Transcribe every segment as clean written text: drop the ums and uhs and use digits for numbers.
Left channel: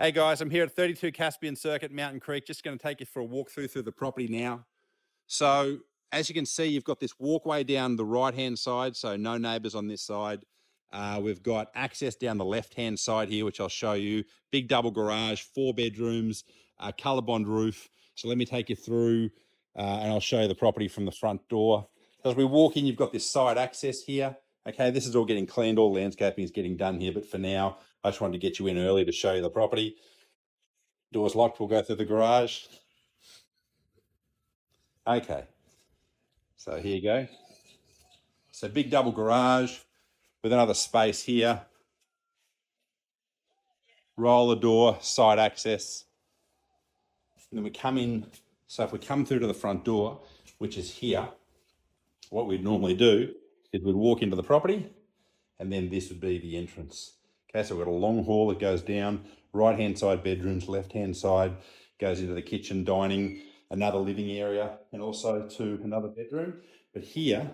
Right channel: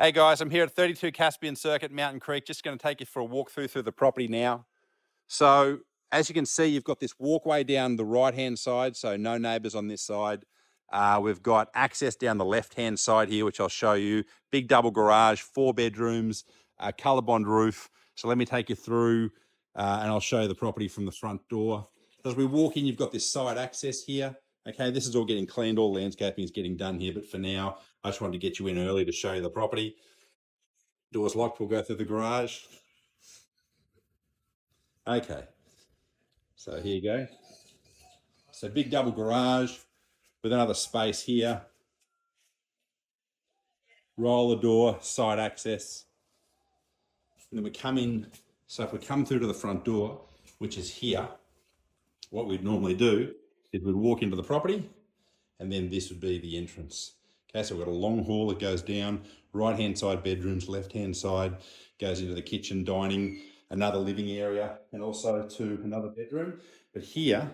Hey guys, I'm here at 32 Caspian Circuit, Mountain Creek. Just going to take you for a walk through the property now. So as you can see, you've got this walkway down the right-hand side, so no neighbours on this side. We've got access down the left-hand side here, which I'll show you. Big double garage, 4 bedrooms, colour bond roof. So let me take you through and I'll show you the property from the front door. As we walk in, you've got this side access here. Okay, this is all getting cleaned, all landscaping is getting done here, but for now, I just wanted to get you in early to show you the property. Door's locked, we'll go through the garage. Okay, so here you go. So big double garage with another space here. Roller door, side access. And then we come in, so if we come through to the front door, which is here, what we'd normally do is we'd walk into the property and then this would be the entrance. Okay, so we've got a long hall that goes down, right-hand side bedrooms, left-hand side goes into the kitchen, dining, another living area, and also to another bedroom. But here,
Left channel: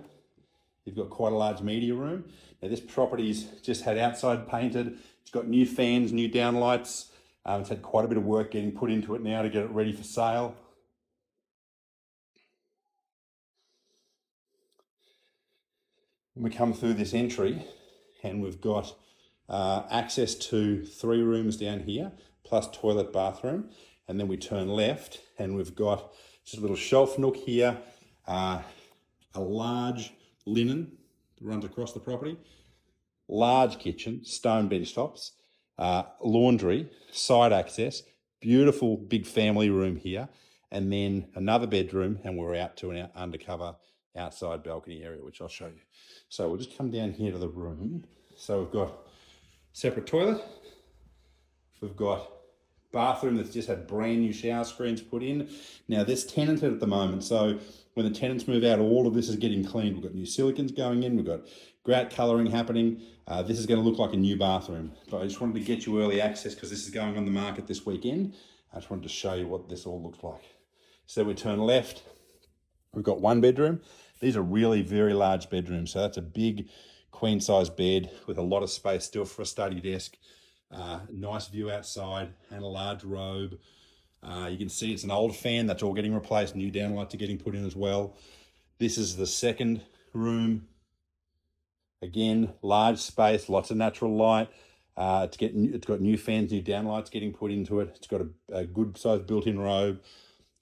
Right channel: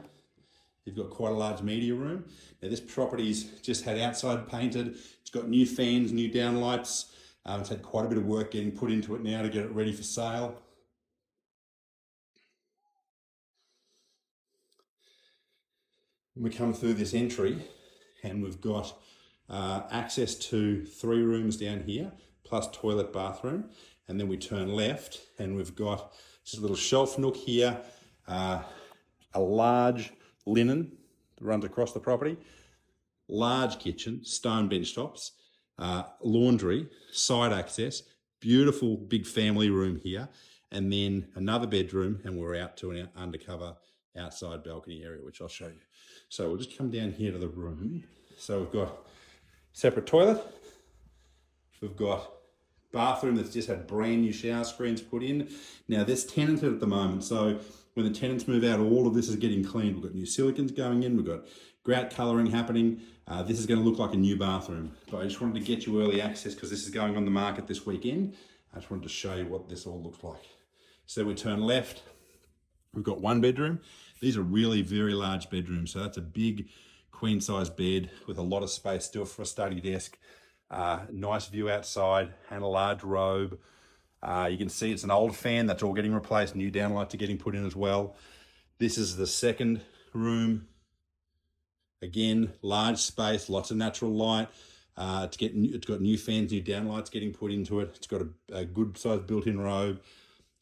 you've got quite a large media room. Now this property's just had outside painted. It's got new fans, new downlights. It's had quite a bit of work getting put into it now to get it ready for sale. We come through this entry and we've got access to 3 rooms down here, plus toilet, bathroom. And then we turn left and we've got just a little shelf nook here, a large linen that runs across the property, large kitchen, stone bench tops, laundry, side access, beautiful big family room here, and then another bedroom, and we're out to an undercover outside balcony area, which I'll show you. So we'll just come down here to the room. So we've got separate toilet. We've got bathroom that's just had brand new shower screens put in. Now this tenanted at the moment, so when the tenants move out, all of this is getting cleaned. We've got new silicons going in, we've got grout colouring happening. This is going to look like a new bathroom. But I just wanted to get you early access because this is going on the market this weekend. I just wanted to show you what this all looks like. So we turn left, we've got 1 bedroom. These are really very large bedrooms. So that's a big queen size bed with a lot of space still for a study desk. Nice view outside and a large robe. You can see it's an old fan that's all getting replaced. New downlights are getting put in as well. This is the second room. Again, large space, lots of natural light. It's got new fans, new downlights getting put into it. It's got a good sized built-in robe.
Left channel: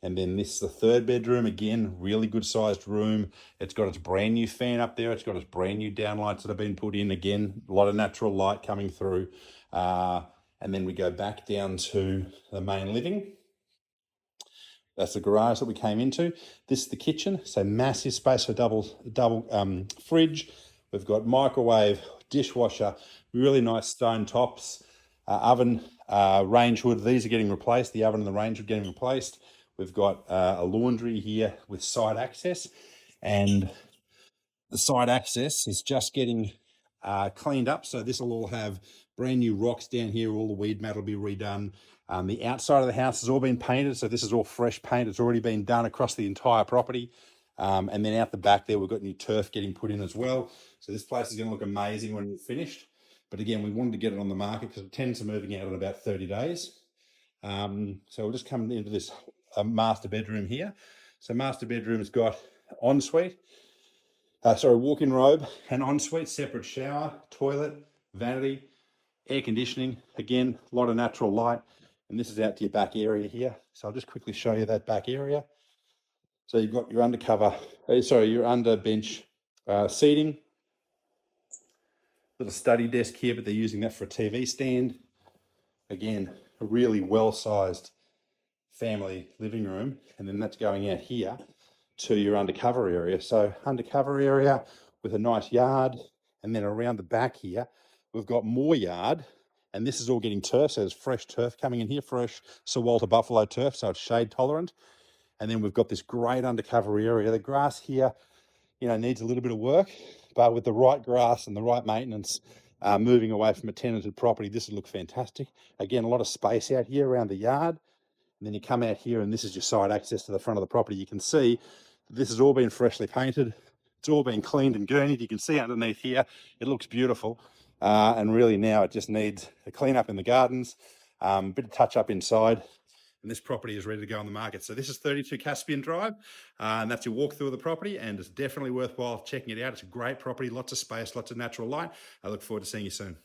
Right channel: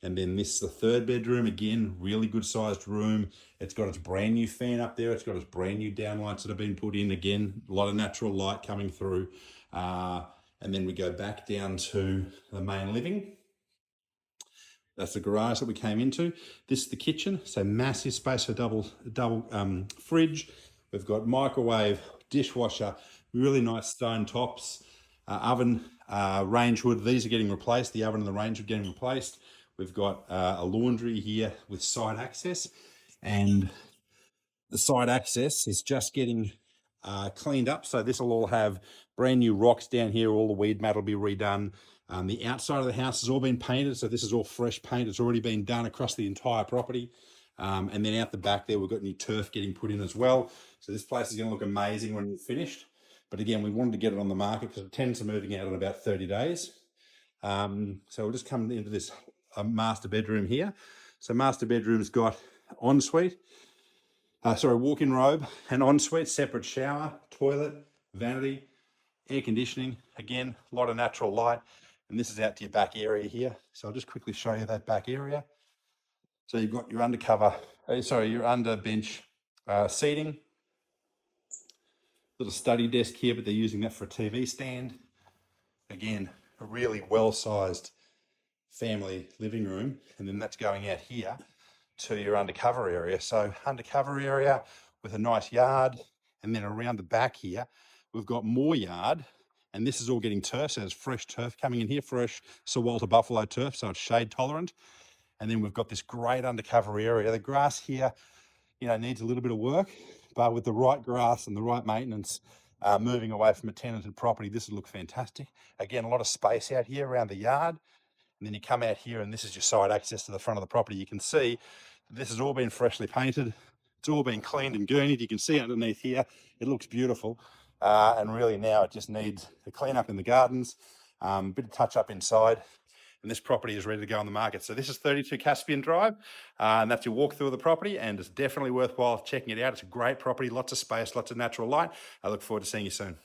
And then this is the 3rd bedroom. Again, really good sized room. It's got its brand new fan up there. It's got its brand new downlights that have been put in. Again, a lot of natural light coming through. And then we go back down to the main living. That's the garage that we came into. This is the kitchen. So massive space for double fridge. We've got microwave, dishwasher, really nice stone tops, oven, range hood. These are getting replaced. The oven and the range hood getting replaced. We've got a laundry here with side access, and the side access is just getting cleaned up. So this will all have brand new rocks down here. All the weed mat will be redone. The outside of the house has all been painted. So this is all fresh paint. It's already been done across the entire property. And then out the back there, we've got new turf getting put in as well. So this place is going to look amazing when it's finished. But again, we wanted to get it on the market because the tenants are moving out in about 30 days. So we'll just come into this master bedroom here. So master bedroom's got ensuite, walk-in robe, and ensuite, separate shower, toilet, vanity, air conditioning. Again, a lot of natural light. And this is out to your back area here. So I'll just quickly show you that back area. So you've got your your under bench seating. Little study desk here, but they're using that for a TV stand. Again, a really well-sized family living room. And then that's going out here to your undercover area. So undercover area with a nice yard. And then around the back here, we've got more yard. And this is all getting turf. So there's fresh turf coming in here, fresh Sir Walter Buffalo turf. So it's shade tolerant. And then we've got this great undercover area. The grass here, needs a little bit of work, but with the right grass and the right maintenance, moving away from a tenanted property, this will look fantastic. Again, a lot of space out here around the yard. And then you come out here and this is your side access to the front of the property. You can see this has all been freshly painted. It's all been cleaned and gurneyed. You can see underneath here, it looks beautiful. And really now it just needs a clean up in the gardens. bit of touch up inside. And this property is ready to go on the market. So this is 32 Caspian Drive, and that's your walkthrough of the property, and it's definitely worthwhile checking it out. It's a great property, lots of space, lots of natural light. I look forward to seeing you soon.